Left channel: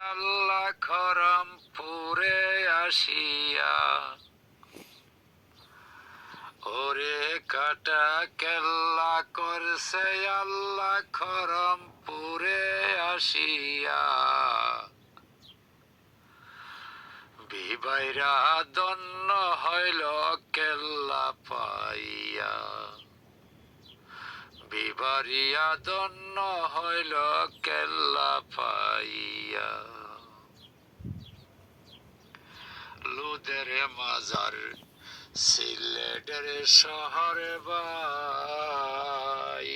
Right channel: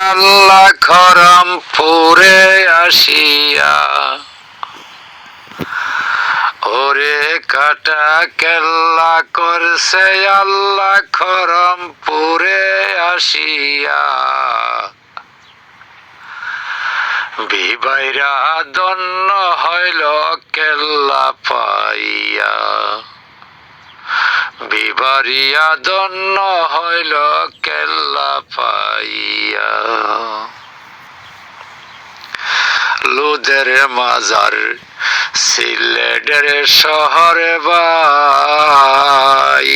আল্লাহ খরমপুরে আসিয়া ওরে কাটা কেল্লা করছে আল্লাহ খরমপুরে আসিয়া বিবাইরা দন্ন হইল কেল্লা পাইয়া বিবারিয়া দন্ন হইল কেল্লা পাইয়া লুদের মাজার সিলেটের শহরে বাই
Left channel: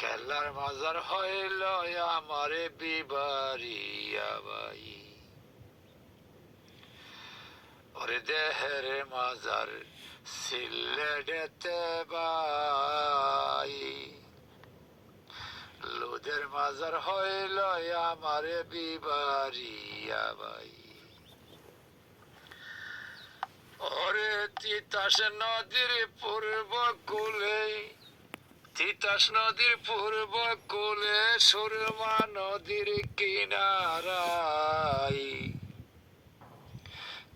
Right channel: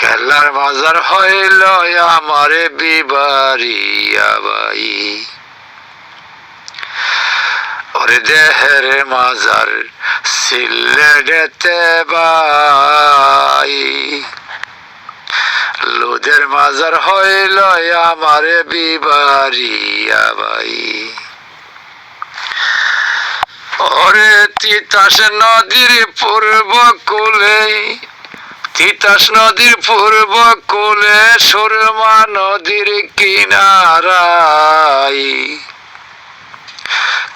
কেল্লার মাজার হইল আমারে বিবারিয়া বাই ওরে দেহের মাজার সিলেটেতে বাই লুদের মাজার হইল আমারে বিবারিয়া বাই ওরে তিতাস নদীর পূর্ব কূলে তিতাস নদীর পূর্ব কূলে সুরমা নদীর কিনারায়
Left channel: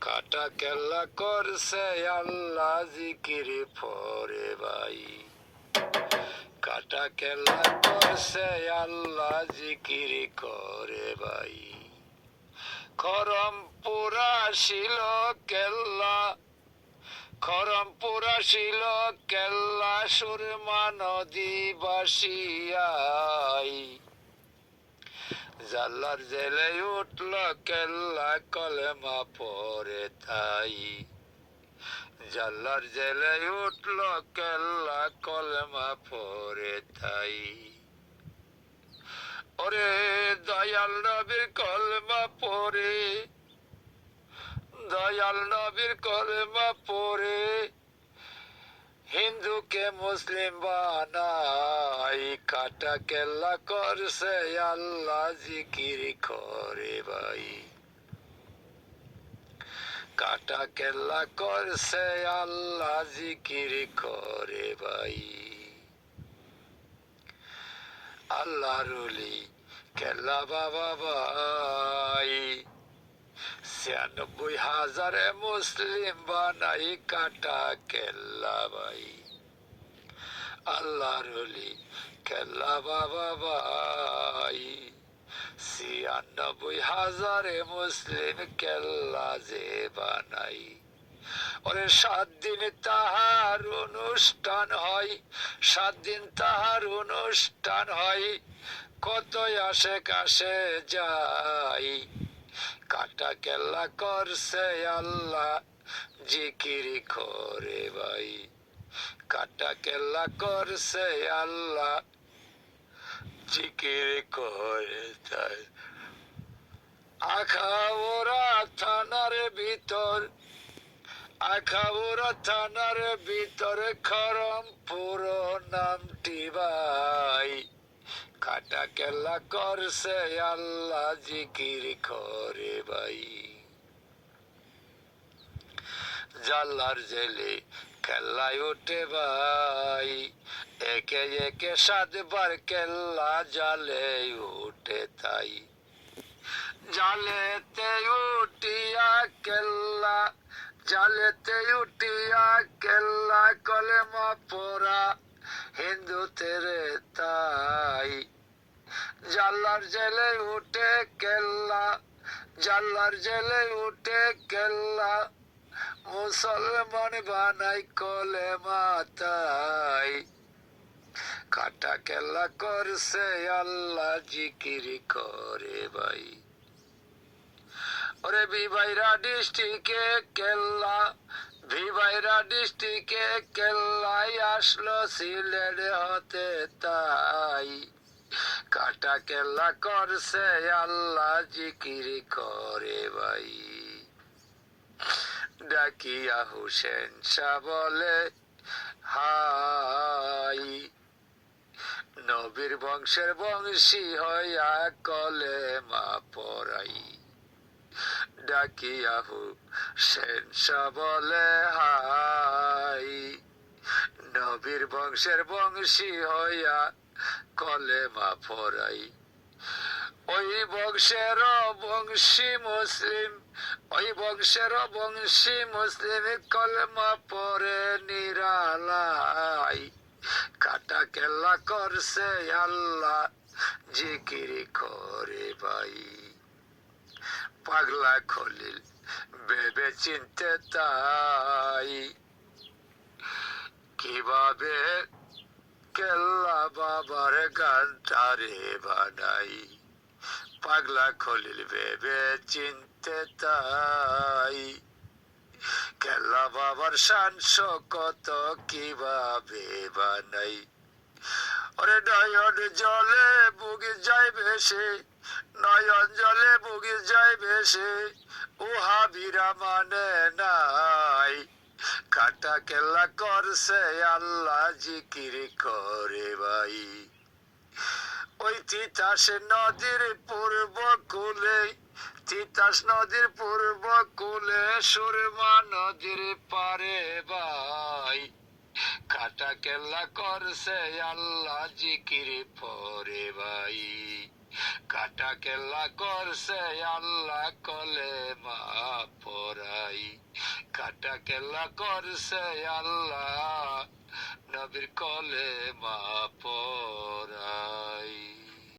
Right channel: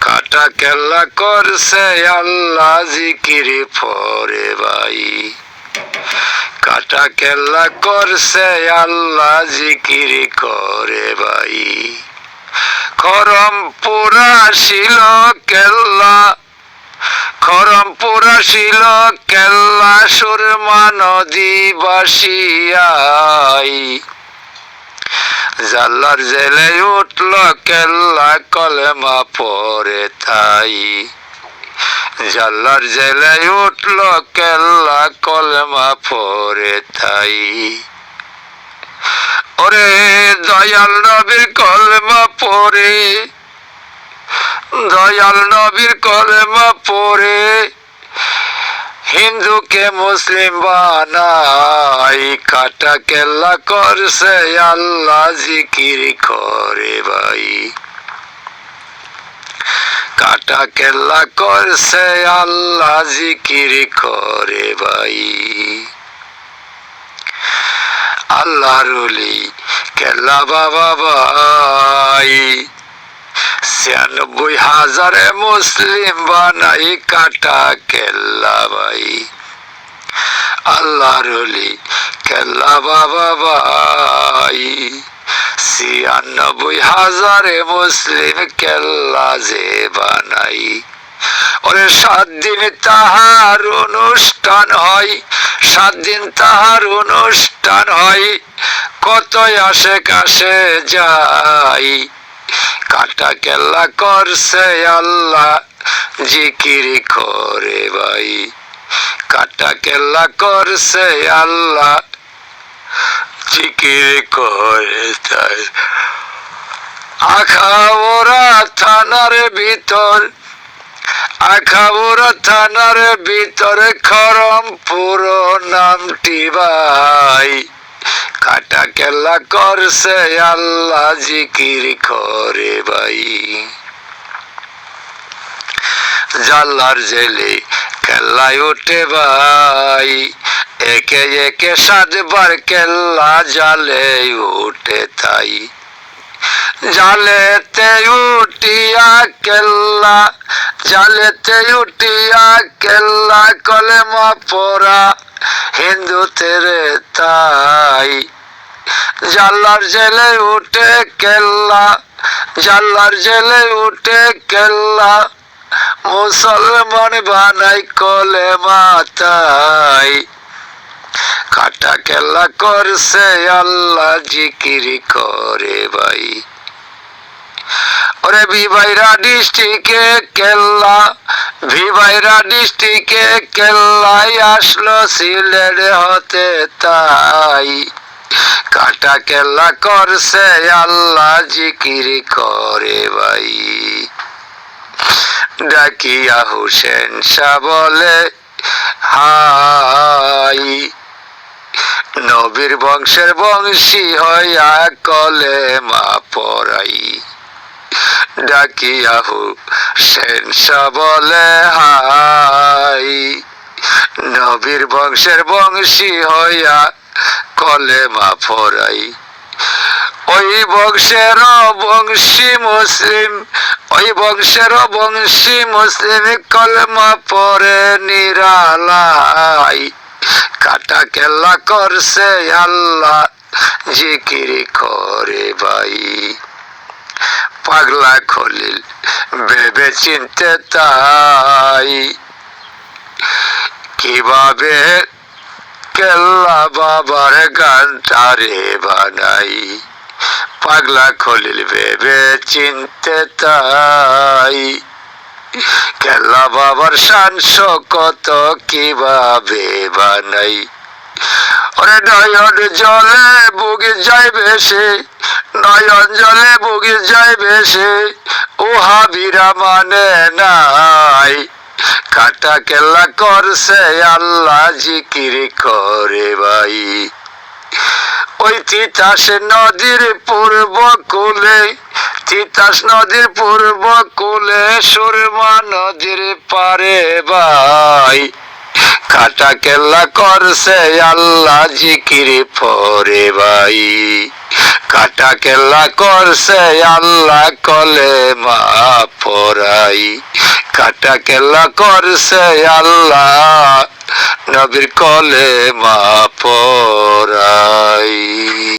কাটা কেল্লা করছে আল্লাহ জিকির পরে বাই কাটা কেল্লা করছে আল্লাহ জিকির করে বাই খরমপুরা ছিল কেল্লা খরমপুরা ছিল কেল্লা সুরমা নদী বাসিয়াই জাল্লার জেলে উঠল কেল্লা কলেমা পরে তাই জাল্লার জেলে উঠল কেল্লা কলেমা পরে তাই ওরে দয়াল নবীর কলেমা পরে দয়াল নবীর কলেমা পরে হিন্দুকে মুসলিম বানাই কাটা কেল্লা করছে আল্লাহ জিকির করে ভাই কাটা কেল্লা করছে আল্লাহ জিকির করে ভাই আল্লাহর ওলি কেল্লা বাবা ভাই ৯৬,০০০ মুসলিম বানাই কাটা কেল্লা ভাই আল্লাহর ওলি কেল্লা বাবা ভাই ৯৬,০০০ মুসলিম কেল্লা যে বানাই ওরে ৭ দিন তাহার অনুষ্ঠান হয় ৭ দিন তাহার অনুষ্ঠান হয় কত আসে কাছে যাই কাটা কেল্লা করছে আল্লাহ জিকির করে ভাই কাটা কেল্লা করছে আল্লাহ জিকির করে তাই আখাউড়া থানার ভিতর আখাউড়া থানার ভিতরে খরমপুর নামটি ভাই কাটা কেল্লা করছে আল্লাহ জিকির করে ভাই জাল্লার জেলে কেল্লায় উঠে ভাই একে একে ৭ বার কেল্লা জালে উঠে তাই জালেতে উঠিয়া কেল্লা জালেতে উঠিয়া কেল্লা কলেমা পড়া হিন্দুদের তাই জাল্লার জেলে উঠে কেল্লা জাল্লার জেলে উঠে কেল্লা মুসলমান বানাই কলেমা তাই কাটা কেল্লা করছে আল্লাহ জিকির করে ভাই ওরে ভিবাইরা ডিস্ট্রিক্টে কেল্লা ভিবাইরা ডিস্ট্রিক্টে কেল্লাই আসলো সিলেট হতে তাই কাটা কেল্লা করছে আল্লাহ জিকির করে ভাই ডাকিয়া হুসেন শাহ বলে হাই নবীর বংশের বংশী হইয়া কলেমা পড়াই ডাকিয়া হুসেন শাহ বলে হাই নবীর বংশের বংশী হইয়া কলেমা পড়াই ওই বংশের বংশী মুসলিম, ওই বংশের বংশী মুসলিম কলমা পরে নিরালাই, কাটা কেল্লা করছে আল্লাহ জিকিরি করে ভাই। পাগলা খলিল ভেবে চিনতে তাই, কিভাবে কেল্লা বাবার গানটারে বানাই। পাগলা খলিল ভেবে চিনতে তাই, কেল্লা বাবার শান কত কিভাবে বানাই। ওরে নয়ন জলে বুকে যাইবে সে, নয়ন জলে বুকে যাইবে সে, উহা বীরা মানে নাই, কাটা কেল্লা করছে আল্লাহ জিকির করে ভাই। ওই তিতাস নদীর পূর্ব কূলে, তিতাস নদীর পূর্ব কূলে সুরমা নদীর পারে ভাই, কাটা কেল্লা করছে আল্লাহ জিকির পরে ভাই। কাটা কেল্লা করছে আল্লাহ কলেমা পড়াই, কাটা কেল্লা করছে আল্লাহ নবীর কলেমা পড়াই।